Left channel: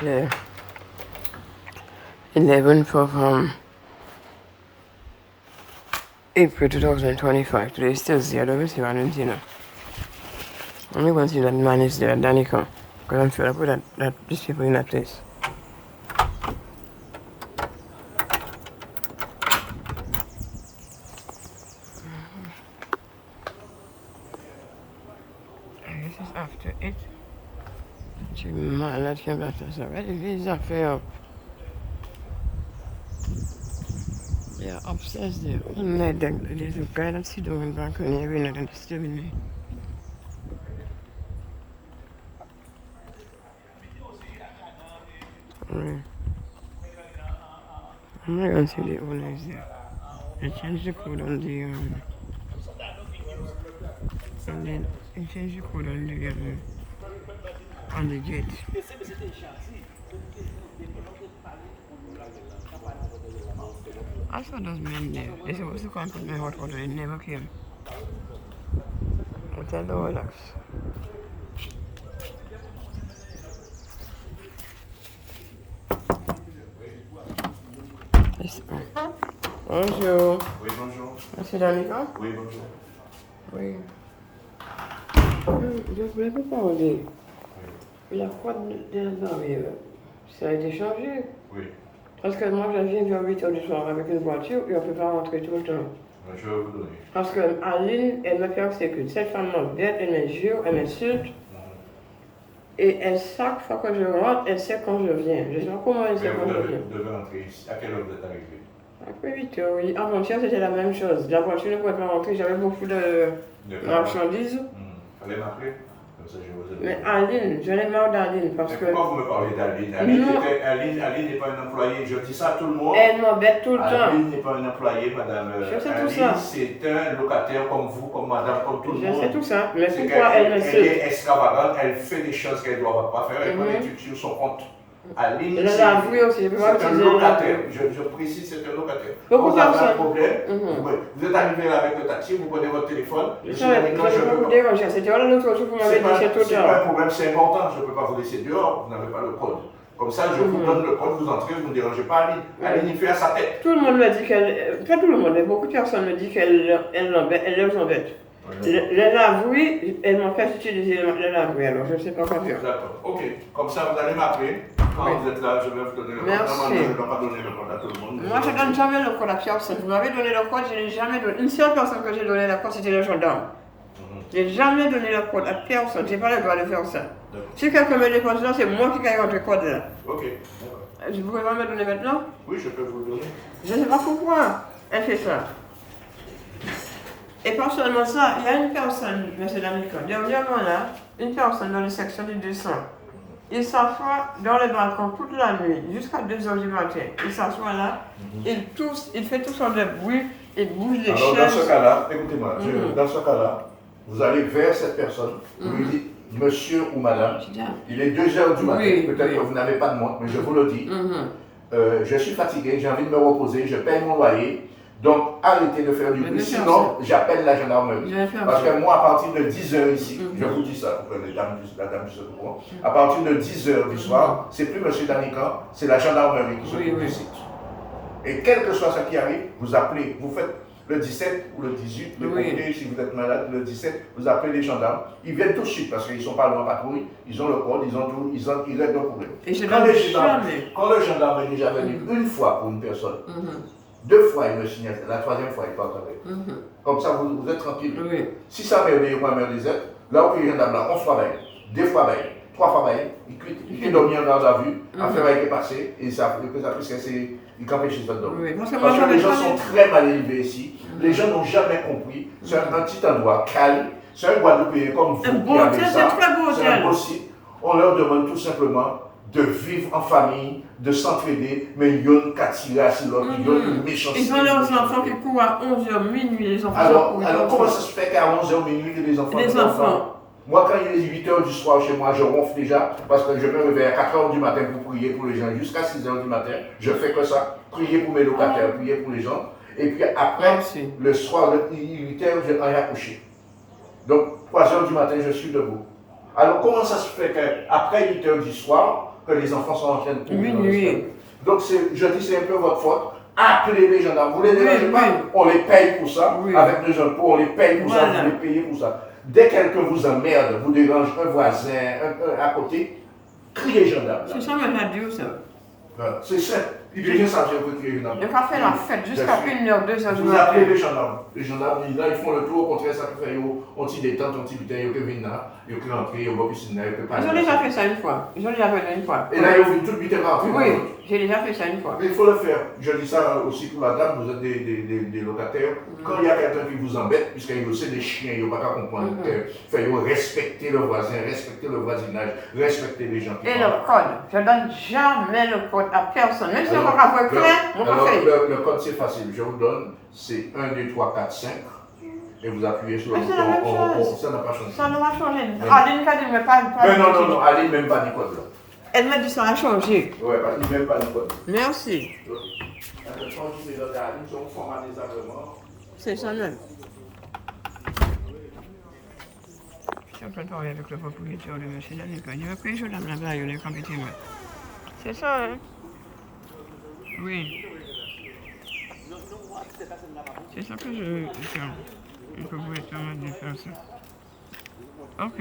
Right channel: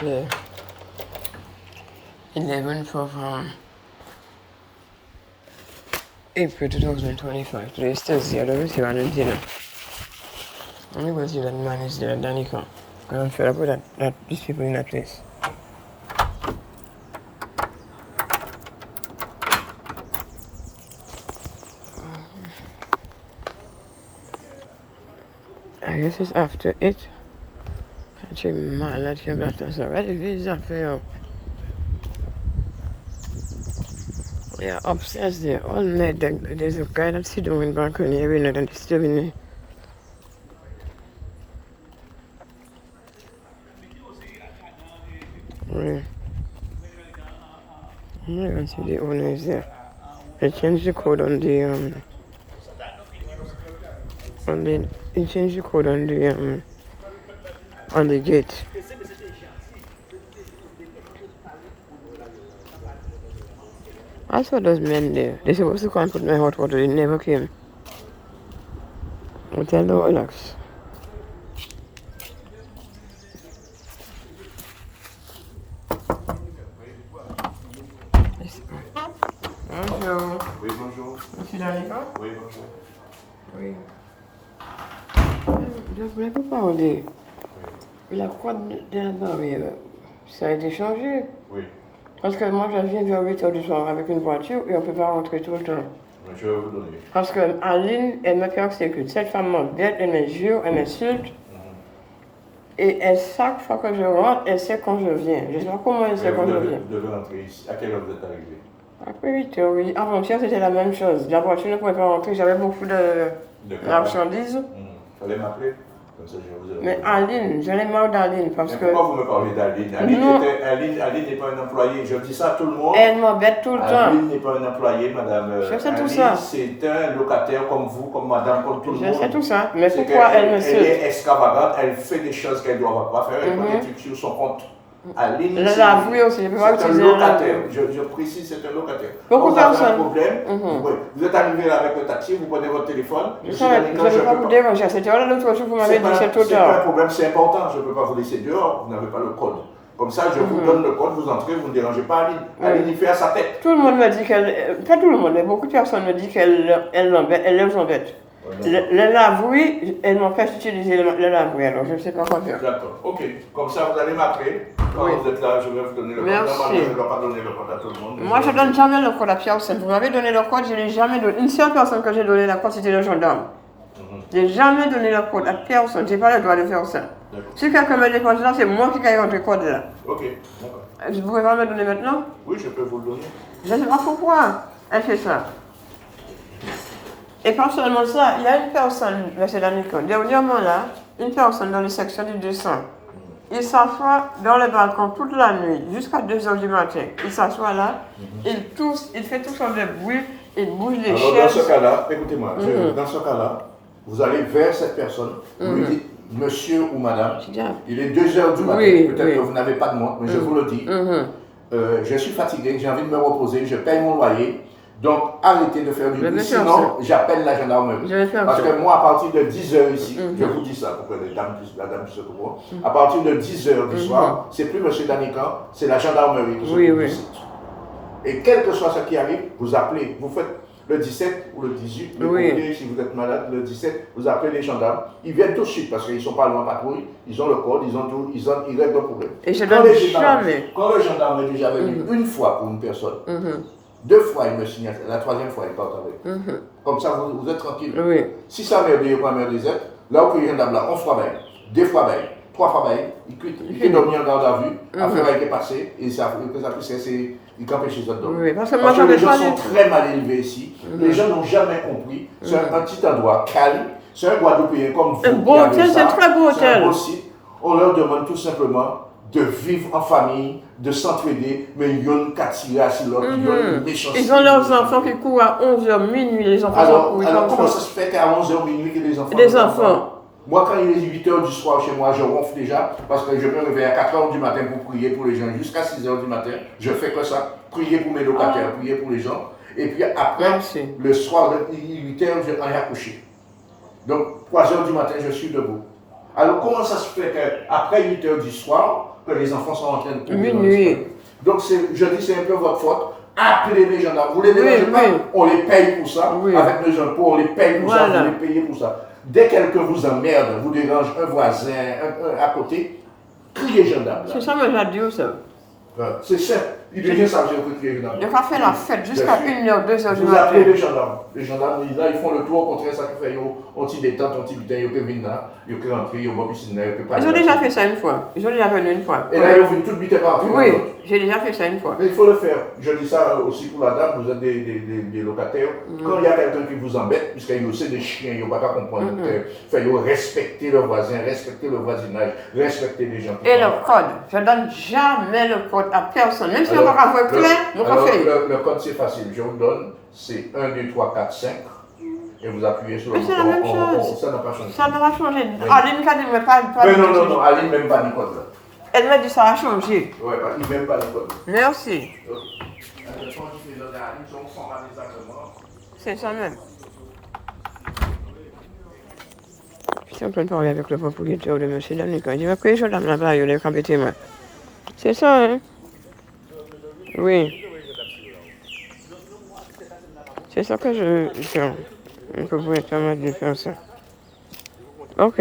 the 11th of April 2025. Today is Thursday. I don't receive an dinner. I'm going to see that man is there, Danica. Because I'm fed up with these people in that place. I guess it's after it. Actually, man, that came after. So, what is that for you? Yeah, upstairs there. All night, there's a guy that's sitting on the balcony every night and disturbing me. Yeah. I'm not going to see the owner is there. They changed the code on the, they changed the code on the gate. I saw those men there. They're supposed to come and put my hot water. They never came. I tell them, relax. Bonjour. Oui, bonjour. Monsieur Danica? Oui, bonjour. Oui. Je voulais vous parler. La croix de la barrière, ça a été changé. Oui. Parce que moi, je viens vers 8 h du soir avec une voiture et on ne peut pas rentrer tout le temps. Je vais vous donner. Parce qu'Aline, elle me persécute. Cette femme m'embête, elle m'injure, elle m'insulte. Et elle, chaque fois que je rentre, elle sait quand je viens. Je ne sais pas comment elle sait quand je viens. Vous devez entrer ici. À quelle heure vous êtes arrivé? Après 8 h, oui. Avant-hier, c'était la même chose. La voiture ne pouvait pas rentrer. J'avais beaucoup de marchandises. Fallait m'appeler. Comme ça, je vous ai. Mais Aline, j'en ai marre d'Aline parce que. Pourquoi vous me parlez d'Aline? Aline n'est pas un employé. Je dis ça à tout le monde. Elle m'embête tout le temps. Aline n'est pas un employé, madame. Je sais tout Aline, ça. c'est un locataire comme vous, comme madame, comme tout le monde. Je sais tout ça. Mais pourquoi elle me suit? Elle est extravagante, elle fait des choses qu'elle ne doit pas faire. Elle peut être sur son compte. Aline, c'est un locataire. Je précise, c'est un locataire. Beaucoup vous avez un personnes. problème, vous êtes arrivé là avec le taxi, vous prenez votre téléphone. Je ne vais pas vous déranger. C'était là l'autre jour, vous m'avez dit c'est tout c'est pas un problème, c'est important. Je ne peux pas vous laisser dehors, vous n'avez pas le code. Comme ça, je vous donne le code, vous entrez, vous ne dérangez pas Aline. Aline, il fait à sa tête. Tout le monde me dit qu'elle. Pas tout le monde, mais beaucoup de personnes me disent qu'elle les embête. Le lave-oui, elle m'empêche d'utiliser le lave-oui, alors je ne sais pas quoi faire. D'accord, ok. Comme ça, vous allez m'appeler. Quand vous êtes là, je vais vous donner le code. Normalement, je ne vais pas donner le code à tout le monde. Moi, je ne donne jamais le code à Pierre. Vous m'avez donné le code, je n'ai jamais donné. Une seule personne que j'ai donné le code, c'était le gendarme. Je n'ai jamais donné le code à personne. Je n'ai pas le droit de faire ça. Si quelqu'un me dépose là, c'est moi qui gagne le code là. Ok, d'accord. Vous pouvez pas me le donner maintenant? Oui, je peux vous le donner. Je ne sais pas pourquoi elle fait ça. Et pas seulement ça, il y a une personne, M. Danica, dernièrement là, une personne dans les sections du 200. Il s'assoit dans le balcon toute la nuit, jusqu'à 2 h du matin. Il s'assoit là, il tousse, il fait tout son de bruit, il bouge les chaises. Dans ce cas-là, écoutez-moi, dans ce cas-là, vous allez vers cette personne, vous lui dites, monsieur ou madame, il est 2 h du matin, peut-être que vous n'avez pas de montre, mais je vous le dis, je suis fatigué, j'ai envie de me reposer, je paye mon loyer. Donc, arrêtez de faire du bruit, sinon j'appelle la gendarmerie. Parce que moi, à partir de 10 h ici, je vous dis ça pour que la dame puisse se comprendre, à partir de 10 h du soir, c'est plus M. Danica, c'est la gendarmerie qui se trouve ici. Et quel que soit ce qui arrive, vous appelez, vous faites le 17 ou le 18, le côté, si vous êtes malade, le 17, vous appelez les gendarmes. Ils viennent tout de suite parce qu'ils ne sont pas loin en patrouille, ils ont le code, ils ont tout, ils règlent le problème. Et je donne jamais. Quand le gendarme est déjà venu une fois pour une personne, 2 fois il me signale, la 3e fois il part avec. Comme ça vous êtes tranquille. Si ça m'a obéi pas me réserve, là où il y a un là, 11 fois bail, 2 fois bail, 3 fois bail, il quitte dormir en garde à vue, affaire a été passée, et ça il campait chez d'autres. Parce que les gens sont très mal élevés ici, les gens n'ont jamais compris, c'est un petit endroit calme, c'est un Guadeloupéen comme vous. Un beau hôtel, c'est un très beau hôtel. C'est un beau site. On leur demande tout simplement de vivre en famille, de s'entraider, mais ils ont qu'à tirer à l'autre, ils ont une méchanceté. Ils ont leurs enfants qui courent à 11 h minuit, les enfants alors comment ça se fait qu'à 11 h minuit, que les enfants... Les enfants. Moi, quand il est 8 h du soir chez moi, je ronfle déjà, parce que je me réveille à 4 h du matin pour prier pour les gens, jusqu'à 6 h du matin, je fais que ça, prier pour mes locataires, prier pour les gens, et puis après, le soir, 8 h, je vais en coucher. Donc, 3 h du matin, je suis debout. Alors, comment ça se fait qu'après 8 h du soir, que les enfants sont en train de courir. Oui. Donc, je dis, c'est un peu votre faute. Appelez les gendarmes. Vous les dérangez pas, on les paye pour ça. Avec nos impôts, on les paye pour ça, vous les payez pour ça. Dès que quelqu'un vous emmerde, vous dérange un voisin, un à côté, criez gendarme. C'est ça, moi, j'ai dit ça. C'est ça. Il devient ça, je veux crier gendarme. Il va faire la fête jusqu'à 1h, 2h du Vous matin. appelez les gendarmes. Les gendarmes, là, ils font le tour, au contraire, ça fait, on t'y détente, on t'y butin, ils peuvent venir là, ils peuvent rentrer, ils peuvent piscine là, ils peuvent pas. Ils ont déjà fait ça une fois. Ils ont déjà venu une fois. Et là, ils ont vu tout butin rentrer. Oui, j'ai déjà fait ça une fois. Mais il faut le faire. Je dis ça aussi pour la dame, vous êtes des locataires. Quand il y a quelqu'un qui vous embête, puisqu'il y a aussi des chiens, il n'y a pas qu'à comprendre. Il faut respecter le voisin, respecter le voisinage, respecter les gens. Et le code. Je ne donne jamais le code à personne. Même si on va avoir clair, on va faire. Le code, c'est facile. Je vous donne, c'est 1, 2, 3, 4, 5. Et vous appuyez sur le bouton. C'est la même chose. Ça n'a pas changé. Ça n'a pas changé. Aline m'a dit, mais pas. Non, Aline même pas du code là. Elle m'a dit ça a changé. Oui, il n'y a même pas du code. Merci. C'est ça même. Je suis en train de parler avec le propriétaire de M. Danica. Il dit, après, je l'ai là-bas, il est campé moi. C'est ça, hein? Oui. C'est ça que je... Le propriétaire m'a dit de faire ça. Ok.